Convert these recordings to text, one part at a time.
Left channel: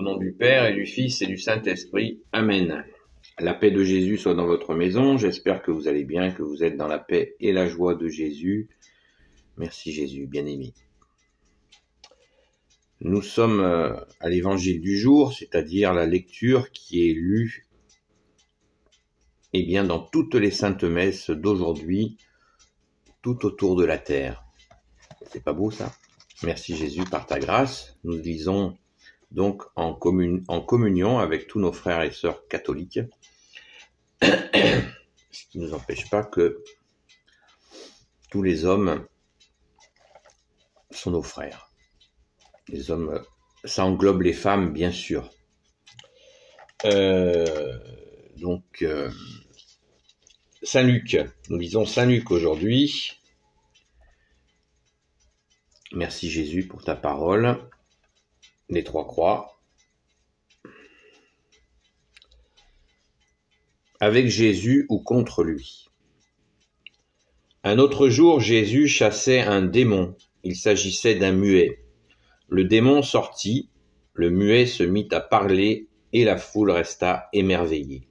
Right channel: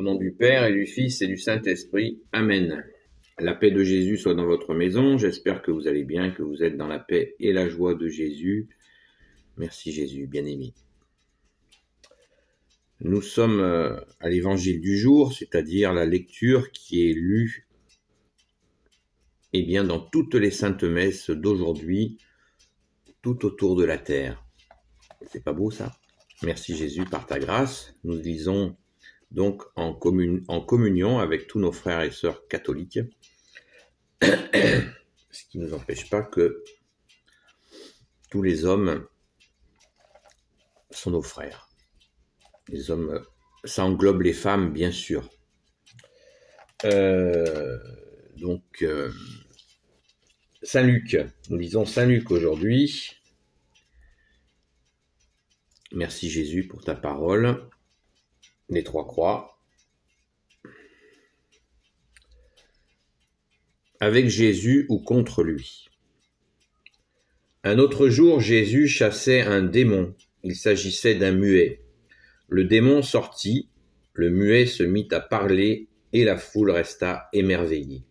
Au nom du Père et du Fils et du Saint-Esprit. Amen. La paix de Jésus soit dans votre maison. J'espère que vous allez bien, que vous êtes dans la paix et la joie de Jésus. Merci Jésus, bien-aimé. Nous sommes à l'évangile du jour, c'est-à-dire la lecture qui est lue dans toutes les saintes messes d'aujourd'hui, tout autour de la terre. C'est pas beau ça? Merci Jésus par ta grâce. Nous lisons donc en communion avec tous nos frères et sœurs catholiques, ce qui ne nous empêche pas que tous les hommes sont nos frères. Les hommes, ça englobe les femmes, bien sûr. Saint Luc, nous lisons Saint Luc aujourd'hui. Merci Jésus pour ta parole. Les trois croix. Avec Jésus ou contre lui. Un autre jour, Jésus chassait un démon. Il s'agissait d'un muet. Le démon sortit, le muet se mit à parler et la foule resta émerveillée.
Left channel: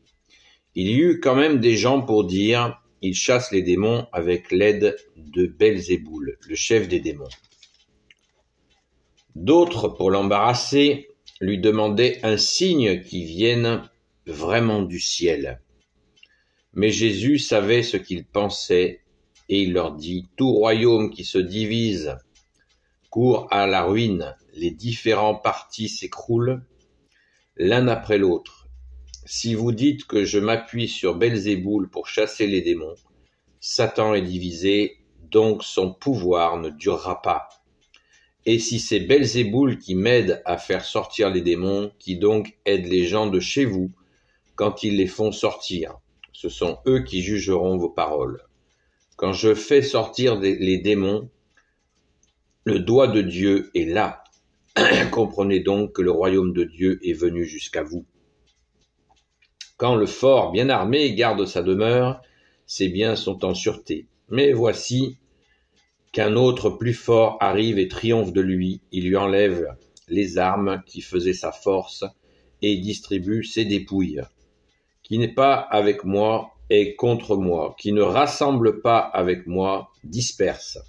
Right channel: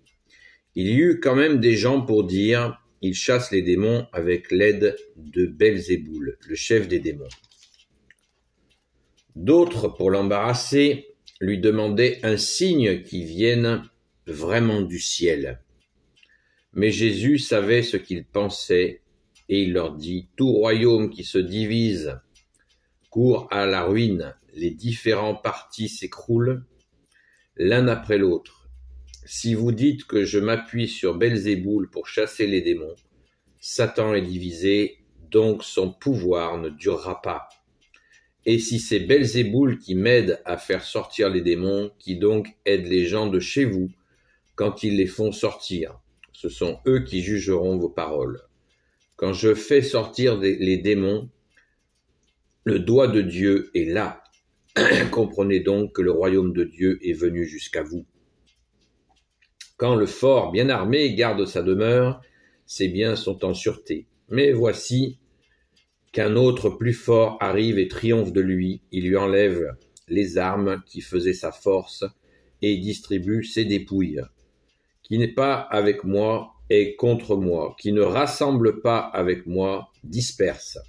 Il y eut quand même des gens pour dire « Il chasse les démons avec l'aide de Belzéboul, le chef des démons ». D'autres, pour l'embarrasser, lui demandaient un signe qui vienne vraiment du ciel. Mais Jésus savait ce qu'ils pensaient et il leur dit « Tout royaume qui se divise court à la ruine, les différents partis s'écroulent l'un après l'autre. Si vous dites que je m'appuie sur Belzéboul pour chasser les démons, Satan est divisé, donc son pouvoir ne durera pas. Et si c'est Belzéboul qui m'aide à faire sortir les démons, qui donc aide les gens de chez vous quand ils les font sortir, ce sont eux qui jugeront vos paroles. Quand je fais sortir les démons, le doigt de Dieu est là. Comprenez donc que le royaume de Dieu est venu jusqu'à vous. Quand le fort bien armé garde sa demeure, ses biens sont en sûreté. Mais voici qu'un autre plus fort arrive et triomphe de lui. Il lui enlève les armes qui faisaient sa force et distribue ses dépouilles. Qui n'est pas avec moi est contre moi. Qui ne rassemble pas avec moi disperse.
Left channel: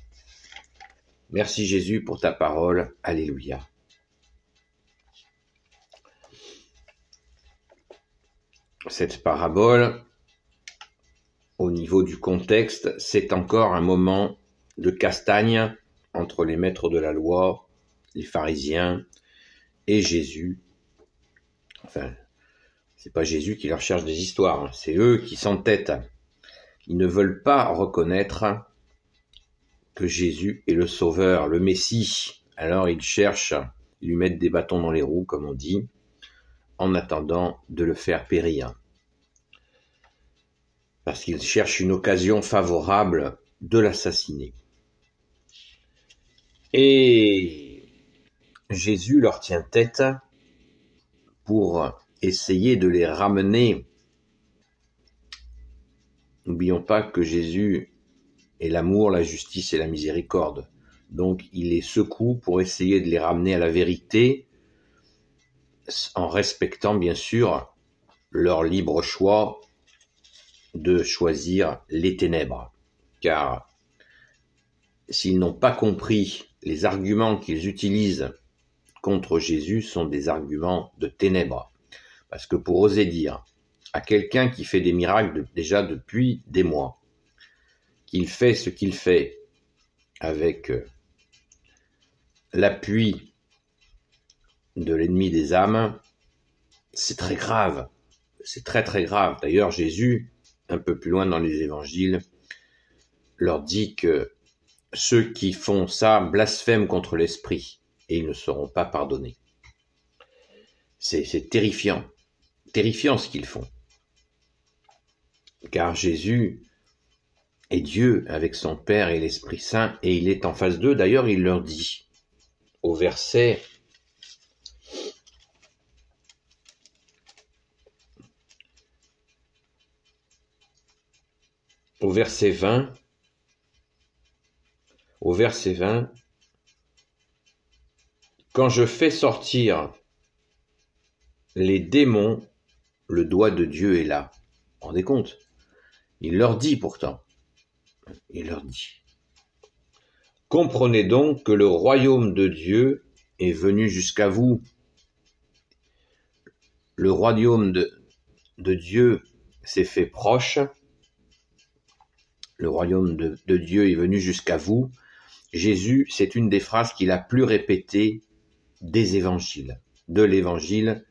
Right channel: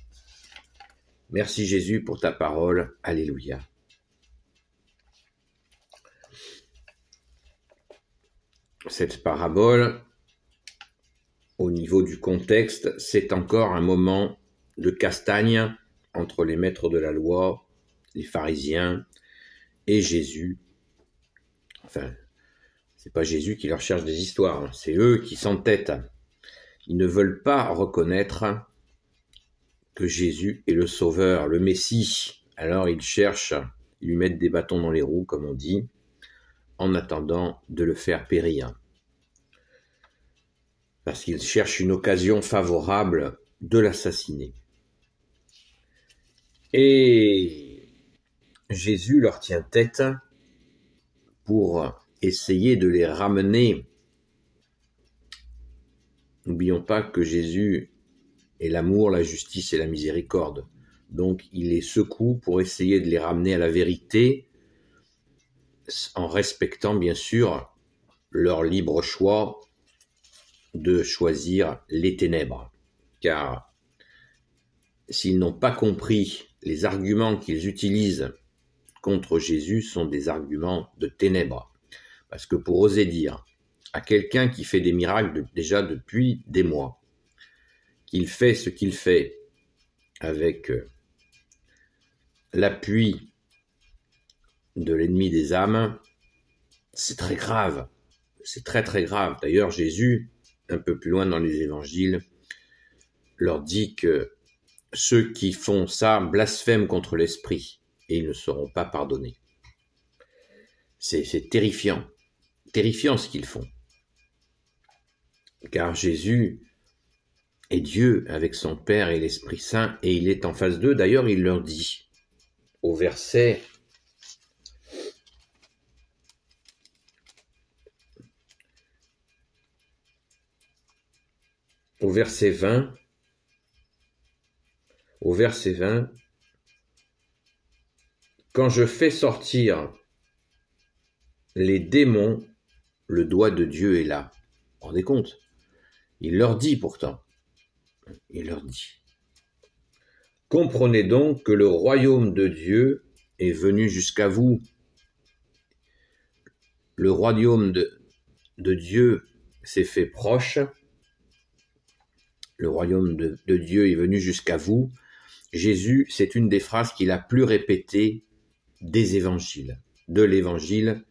Merci Jésus pour ta parole. Alléluia. Cette parabole, au niveau du contexte, c'est encore un moment de castagne entre les maîtres de la loi, les pharisiens et Jésus. Enfin, c'est pas Jésus qui leur cherche des histoires, c'est eux qui s'entêtent. Ils ne veulent pas reconnaître que Jésus est le Sauveur, le Messie. Alors ils cherchent, ils lui mettent des bâtons dans les roues, comme on dit, en attendant de le faire périr. Parce qu'ils cherchent une occasion favorable de l'assassiner. Et Jésus leur tient tête pour essayer de les ramener. N'oublions pas que Jésus est l'amour, la justice et la miséricorde. Donc il les secoue pour essayer de les ramener à la vérité, en respectant bien sûr leur libre choix de choisir les ténèbres. Car s'ils n'ont pas compris, les arguments qu'ils utilisent contre Jésus sont des arguments de ténèbres. Parce que pour oser dire à quelqu'un qui fait des miracles déjà depuis des mois, qu'il fait ce qu'il fait avec l'appui de l'ennemi des âmes, c'est très grave. C'est très très grave. D'ailleurs, Jésus, un peu plus loin dans les évangiles, leur dit que ceux qui font ça blasphèment contre l'esprit et ils ne seront pas pardonnés. C'est terrifiant. Terrifiant ce qu'ils font. Car Jésus est Dieu avec son Père et l'Esprit Saint et il est en face d'eux. D'ailleurs, il leur dit au verset 20, quand je fais sortir les démons, le doigt de Dieu est là. Vous vous rendez compte? Il leur dit pourtant, il leur dit, comprenez donc que le royaume de Dieu est venu jusqu'à vous. Le royaume de Dieu s'est fait proche. Le royaume de Dieu est venu jusqu'à vous. Jésus, c'est une des phrases qu'il a plus répétées des évangiles. De l'évangile,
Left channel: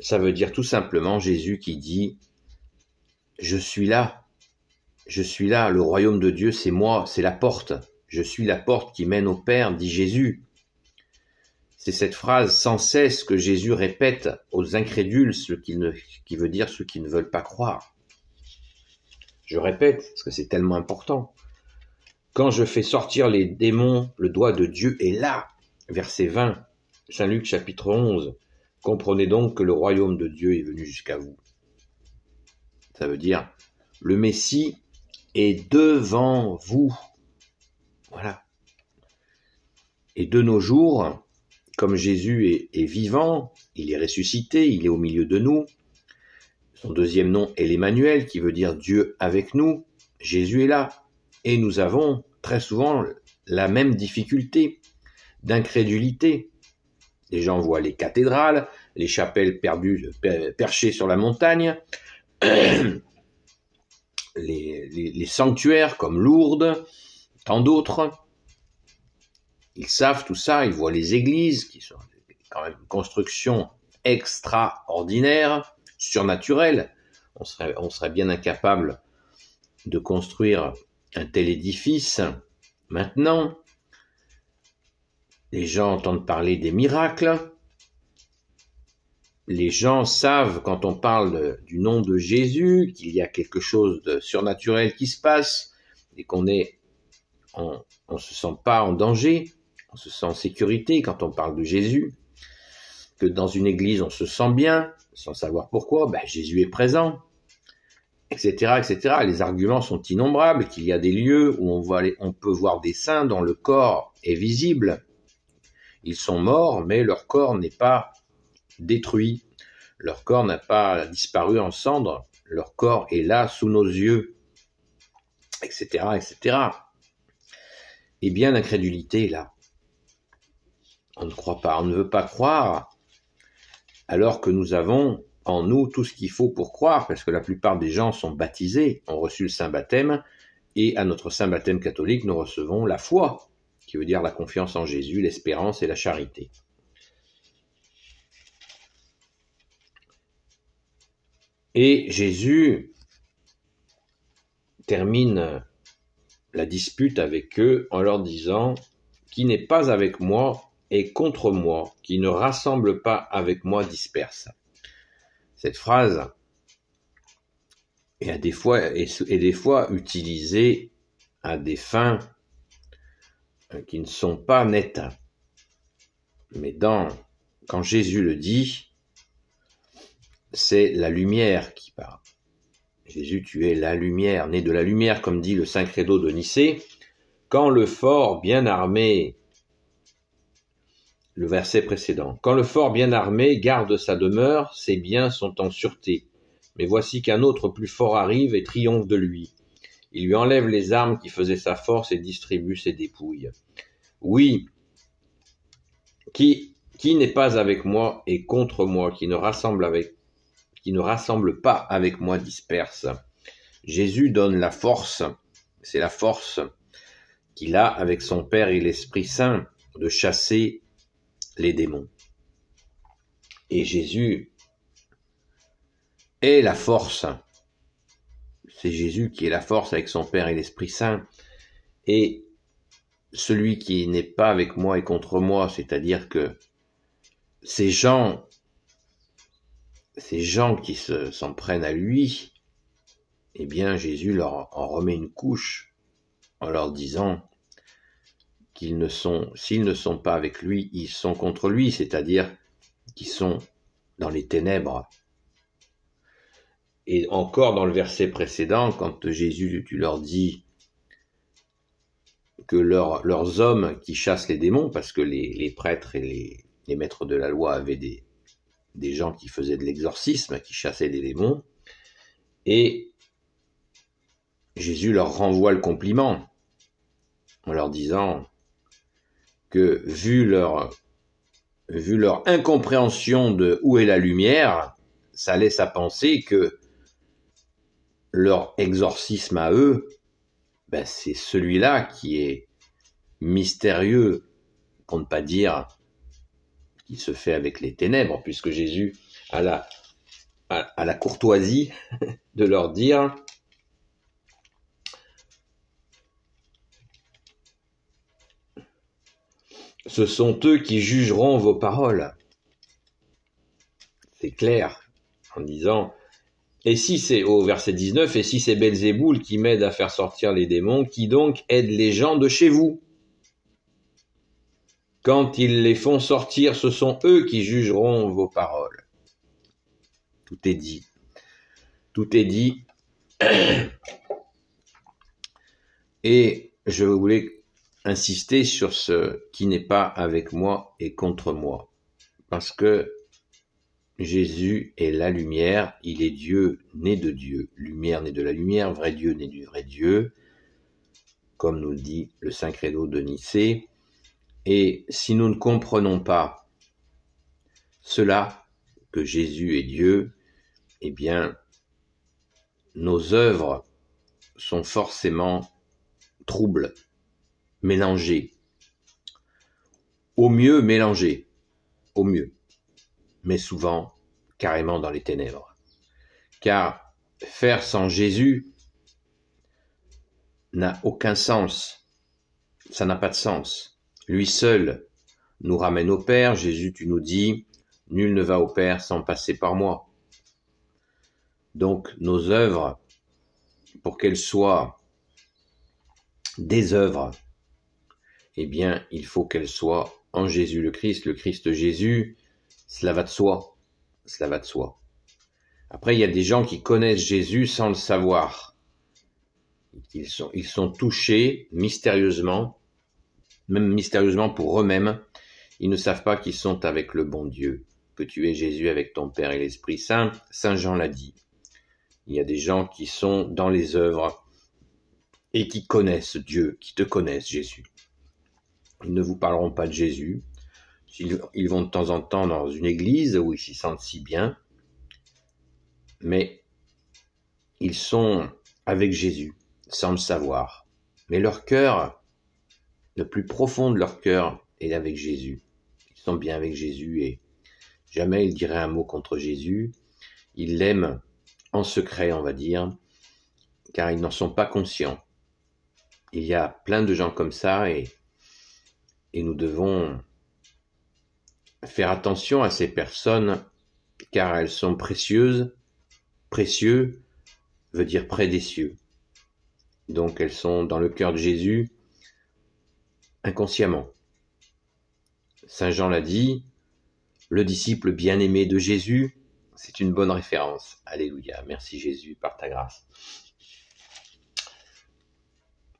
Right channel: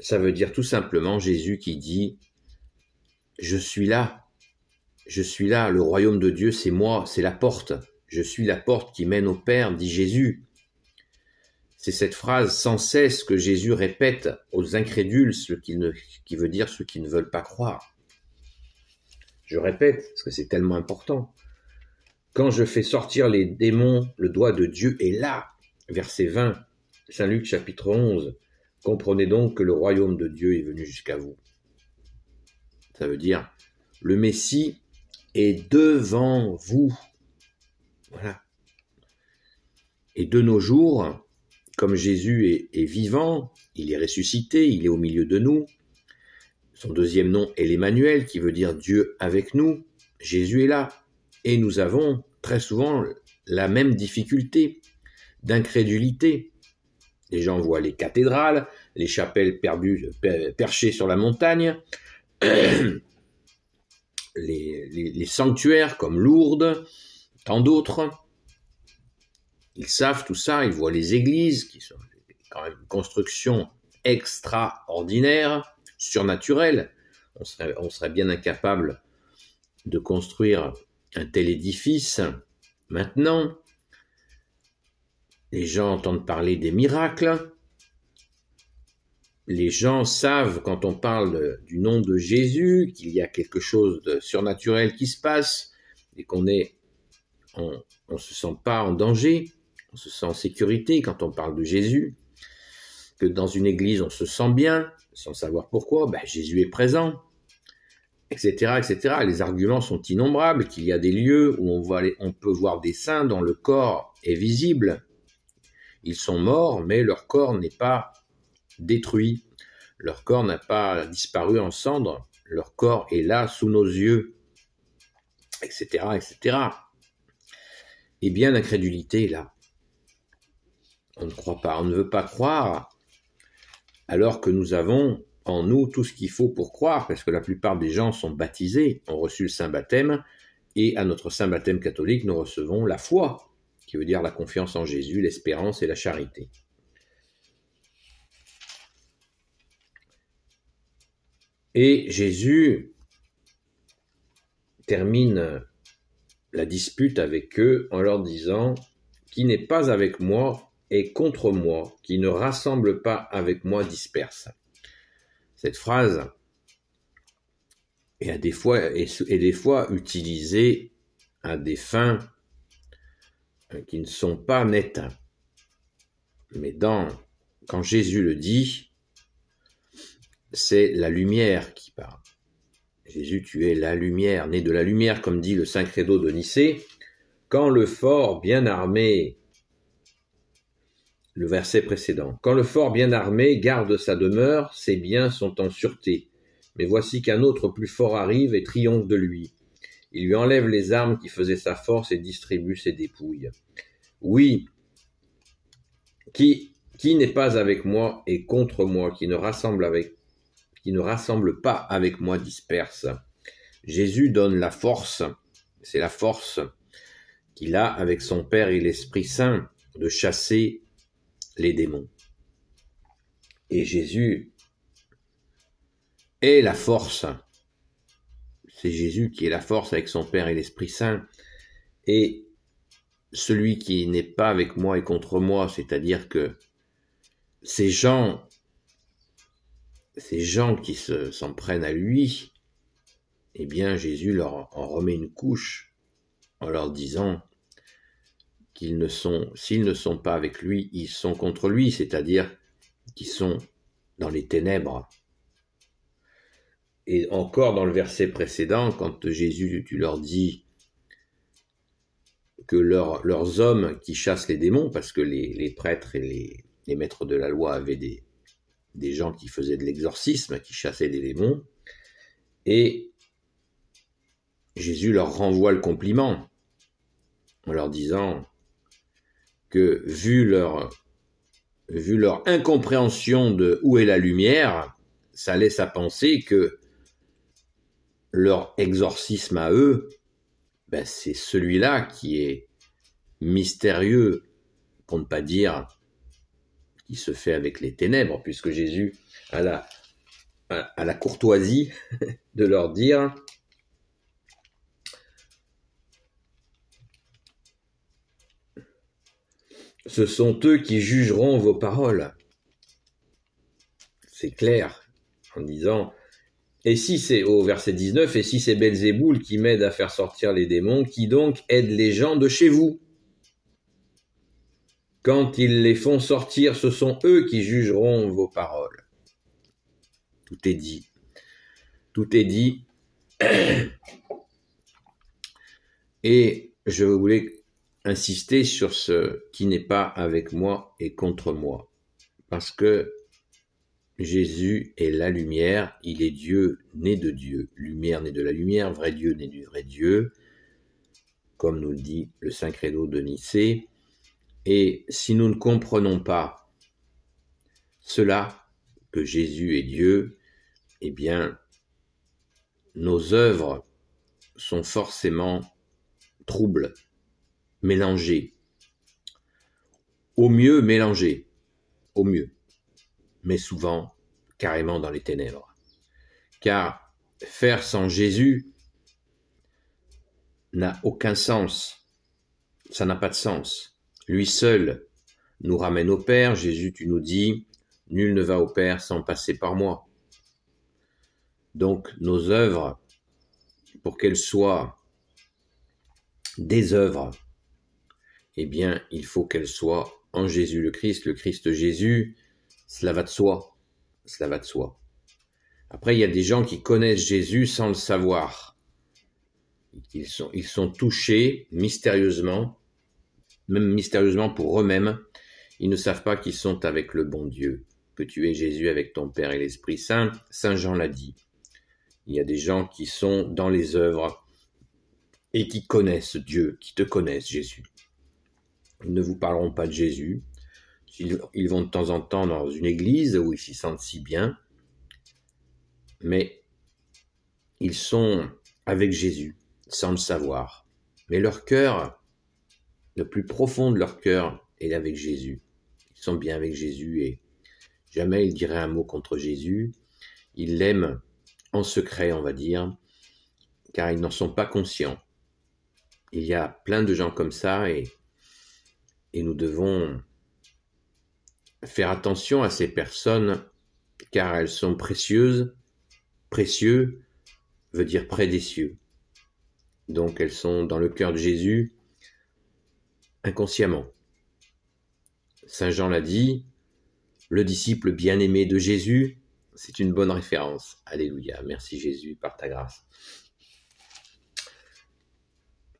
ça veut dire tout simplement Jésus qui dit « Je suis là, le royaume de Dieu, c'est moi, c'est la porte. Je suis la porte qui mène au Père, dit Jésus. » C'est cette phrase sans cesse que Jésus répète aux incrédules, qui veut dire ceux qui ne veulent pas croire. Je répète, parce que c'est tellement important. Quand je fais sortir les démons, le doigt de Dieu est là. Verset 20, Saint Luc chapitre 11. Comprenez donc que le royaume de Dieu est venu jusqu'à vous. Ça veut dire, le Messie est devant vous. Voilà. Et de nos jours, comme Jésus est vivant, il est ressuscité, il est au milieu de nous. Son deuxième nom est l'Emmanuel, qui veut dire Dieu avec nous. Jésus est là. Et nous avons très souvent la même difficulté d'incrédulité. Les gens voient les cathédrales, les chapelles perchées sur la montagne, les sanctuaires comme Lourdes, tant d'autres. Ils savent tout ça, ils voient les églises, qui sont quand même une construction extraordinaire, surnaturelle. On serait bien incapable de construire un tel édifice. Maintenant, les gens entendent parler des miracles. Les gens savent, quand on parle du nom de Jésus, qu'il y a quelque chose de surnaturel qui se passe et on ne se sent pas en danger, on se sent en sécurité quand on parle de Jésus, que dans une église on se sent bien, sans savoir pourquoi, Jésus est présent, etc., etc. Les arguments sont innombrables, qu'il y a des lieux où on peut voir des saints dont le corps est visible. Ils sont morts, mais leur corps n'est pas détruit. Leur corps n'a pas disparu en cendres. Leur corps est là, sous nos yeux, etc., etc. Eh bien, l'incrédulité est là. On ne croit pas, on ne veut pas croire, alors que nous avons en nous tout ce qu'il faut pour croire, parce que la plupart des gens sont baptisés, ont reçu le saint baptême, et à notre saint baptême catholique, nous recevons la foi, qui veut dire la confiance en Jésus, l'espérance et la charité. Et Jésus termine la dispute avec eux en leur disant « Qui n'est pas avec moi est contre moi, qui ne rassemble pas avec moi disperse. » Cette phrase est des fois utilisée à des fins qui ne sont pas nettes. Mais quand Jésus le dit, c'est la lumière qui parle. Jésus, tu es la lumière, né de la lumière, comme dit le Saint Credo de Nicée. Quand le fort bien armé, le verset précédent, quand le fort bien armé garde sa demeure, ses biens sont en sûreté. Mais voici qu'un autre plus fort arrive et triomphe de lui. Il lui enlève les armes qui faisaient sa force et distribue ses dépouilles. Oui, qui n'est pas avec moi est contre moi, qui ne rassemble pas avec moi disperse. Jésus donne la force, c'est la force qu'il a avec son Père et l'Esprit Saint de chasser les démons. Et Jésus est la force. C'est Jésus qui est la force avec son Père et l'Esprit Saint. Et celui qui n'est pas avec moi est contre moi, c'est-à-dire que ces gens qui s'en prennent à lui, eh bien Jésus leur en remet une couche en leur disant s'ils ne sont pas avec lui, ils sont contre lui, c'est-à-dire qu'ils sont dans les ténèbres. Et encore dans le verset précédent, quand Jésus, tu leur dis que leurs hommes qui chassent les démons, parce que les prêtres et les maîtres de la loi avaient des gens qui faisaient de l'exorcisme, qui chassaient des démons, et Jésus leur renvoie le compliment en leur disant que vu leur incompréhension de où est la lumière, ça laisse à penser que leur exorcisme à eux, c'est celui-là qui est mystérieux, pour ne pas dire qui se fait avec les ténèbres, puisque Jésus a la courtoisie de leur dire « Ce sont eux qui jugeront vos paroles ». C'est clair, en disant « Et si c'est, au verset 19, et si c'est Belzéboul qui m'aide à faire sortir les démons, qui donc aide les gens de chez vous ? Quand ils les font sortir, ce sont eux qui jugeront vos paroles. » Tout est dit. Tout est dit. Et je voulais insister sur ce qui n'est pas avec moi et contre moi. Parce que Jésus est la lumière, il est Dieu né de Dieu. Lumière né de la lumière, vrai Dieu né du vrai Dieu. Comme nous le dit le Saint Credo de Nicée. Et si nous ne comprenons pas cela, que Jésus est Dieu, eh bien, nos œuvres sont forcément troubles, mélangées. Au mieux mélangées, au mieux, mais souvent carrément dans les ténèbres. Car faire sans Jésus n'a aucun sens, ça n'a pas de sens. Lui seul nous ramène au Père. Jésus, tu nous dis, nul ne va au Père sans passer par moi. Donc nos œuvres, pour qu'elles soient des œuvres, eh bien il faut qu'elles soient en Jésus le Christ Jésus, cela va de soi, cela va de soi. Après, il y a des gens qui connaissent Jésus sans le savoir. Ils sont touchés mystérieusement, même mystérieusement pour eux-mêmes. Ils ne savent pas qu'ils sont avec le bon Dieu, que tu es Jésus avec ton Père et l'Esprit Saint. Saint Jean l'a dit. Il y a des gens qui sont dans les œuvres et qui connaissent Dieu, qui te connaissent Jésus. Ils ne vous parleront pas de Jésus. Ils vont de temps en temps dans une église où ils s'y sentent si bien, mais ils sont avec Jésus sans le savoir. Mais leur cœur, le plus profond de leur cœur est avec Jésus. Ils sont bien avec Jésus et jamais ils diraient un mot contre Jésus. Ils l'aiment en secret, on va dire, car ils n'en sont pas conscients. Il y a plein de gens comme ça et nous devons faire attention à ces personnes car elles sont précieuses. Précieux veut dire près des cieux. Donc elles sont dans le cœur de Jésus inconsciemment. Saint Jean l'a dit, le disciple bien-aimé de Jésus, c'est une bonne référence. Alléluia, merci Jésus par ta grâce.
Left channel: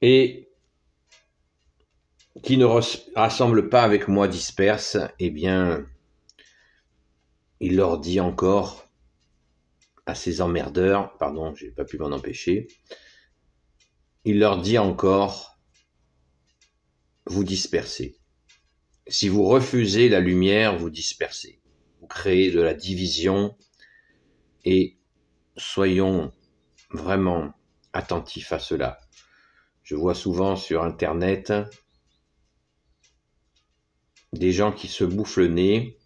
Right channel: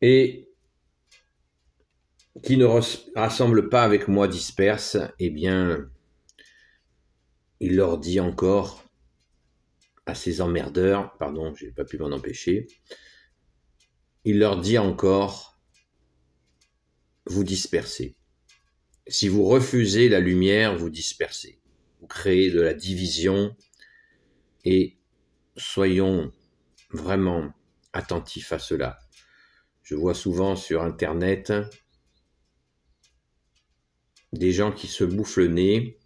Et qui ne rassemble pas avec moi disperse, eh bien, il leur dit encore à ces emmerdeurs, pardon, j'ai pas pu m'en empêcher, il leur dit encore, vous dispersez. Si vous refusez la lumière, vous dispersez. Vous créez de la division et soyons vraiment attentifs à cela. Je vois souvent sur Internet des gens qui se bouffent le nez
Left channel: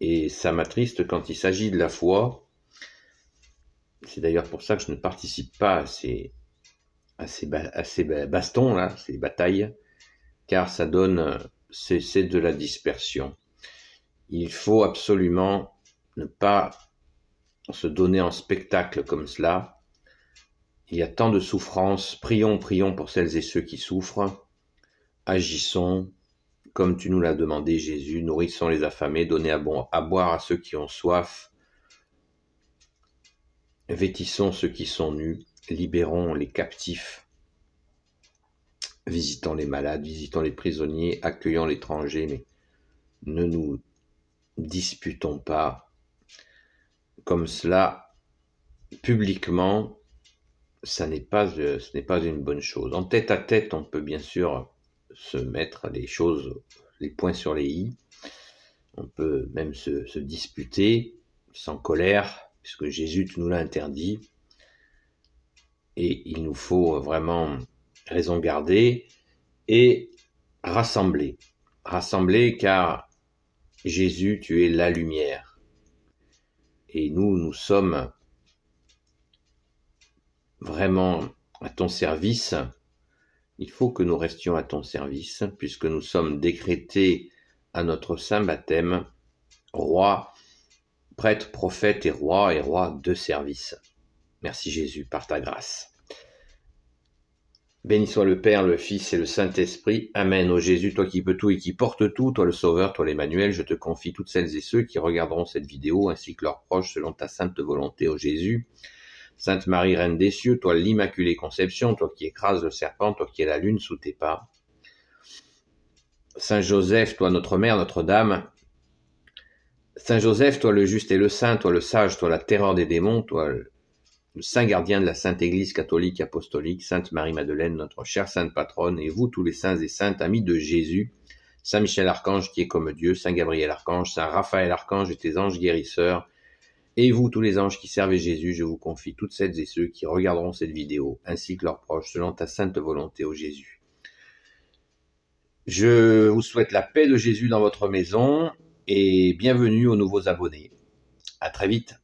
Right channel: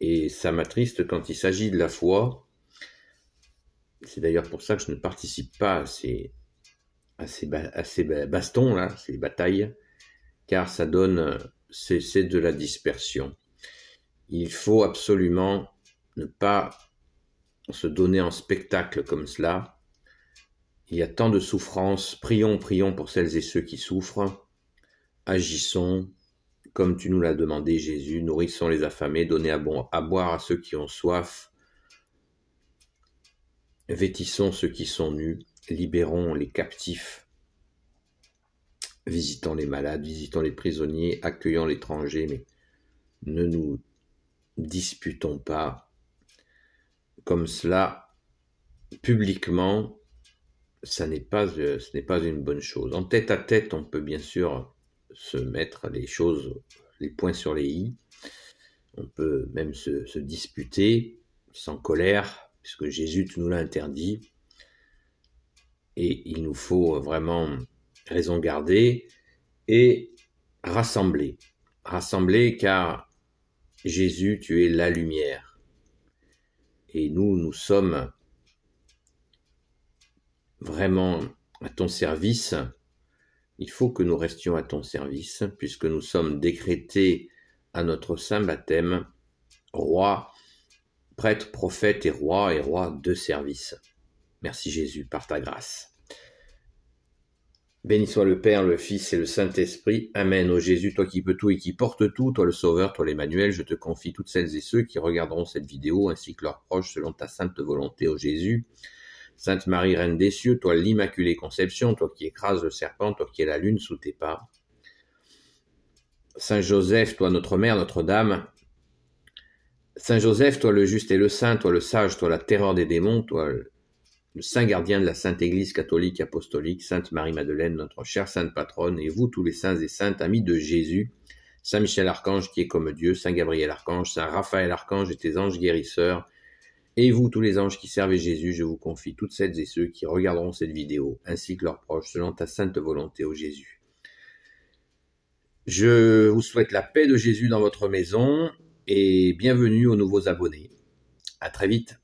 et ça m'attriste quand il s'agit de la foi. C'est d'ailleurs pour ça que je ne participe pas à ces bastons, là, ces batailles, car ça donne, c'est de la dispersion. Il faut absolument ne pas se donner en spectacle comme cela. Il y a tant de souffrances. Prions pour celles et ceux qui souffrent. Agissons comme tu nous l'as demandé, Jésus. Nourrissons les affamés, donnez à boire à ceux qui ont soif. Vêtissons ceux qui sont nus. Libérons les captifs. Visitons les malades, visitons les prisonniers, accueillons l'étranger, mais ne nous disputons pas comme cela publiquement. Ce n'est pas une bonne chose. En tête à tête, on peut bien sûr se mettre les points sur les i. On peut même se disputer sans colère, puisque Jésus nous l'a interdit. Et il nous faut vraiment raison garder et rassembler. Rassembler car Jésus, tu es la lumière. Et nous sommes vraiment à ton service. Il faut que nous restions à ton service, puisque nous sommes décrétés à notre saint baptême, roi, prêtre, prophète et roi de service. Merci Jésus, par ta grâce. Béni soit le Père, le Fils et le Saint-Esprit. Amen. Ô Jésus, toi qui peux tout et qui portes tout, toi le Sauveur, toi l'Emmanuel, je te confie toutes celles et ceux qui regarderont cette vidéo, ainsi que leurs proches, selon ta sainte volonté, ô Jésus. Sainte Marie, Reine des cieux, toi l'Immaculée Conception, toi qui écrases le serpent, toi qui es la lune sous tes pas. Saint Joseph, toi notre Mère, notre Dame. Saint Joseph, toi le juste et le saint, toi le sage, toi la terreur des démons, toi le saint gardien de la Sainte Église catholique apostolique, Sainte Marie-Madeleine, notre chère sainte patronne, et vous tous les saints et saintes, amis de Jésus, Saint Michel Archange qui est comme Dieu, Saint Gabriel Archange, Saint Raphaël Archange et tes anges guérisseurs, et vous tous les anges qui servez Jésus, je vous confie toutes celles et ceux qui regarderont cette vidéo, ainsi que leurs proches, selon ta sainte volonté, ô Jésus. Je vous souhaite la paix de Jésus dans votre maison, et bienvenue aux nouveaux abonnés. À très vite.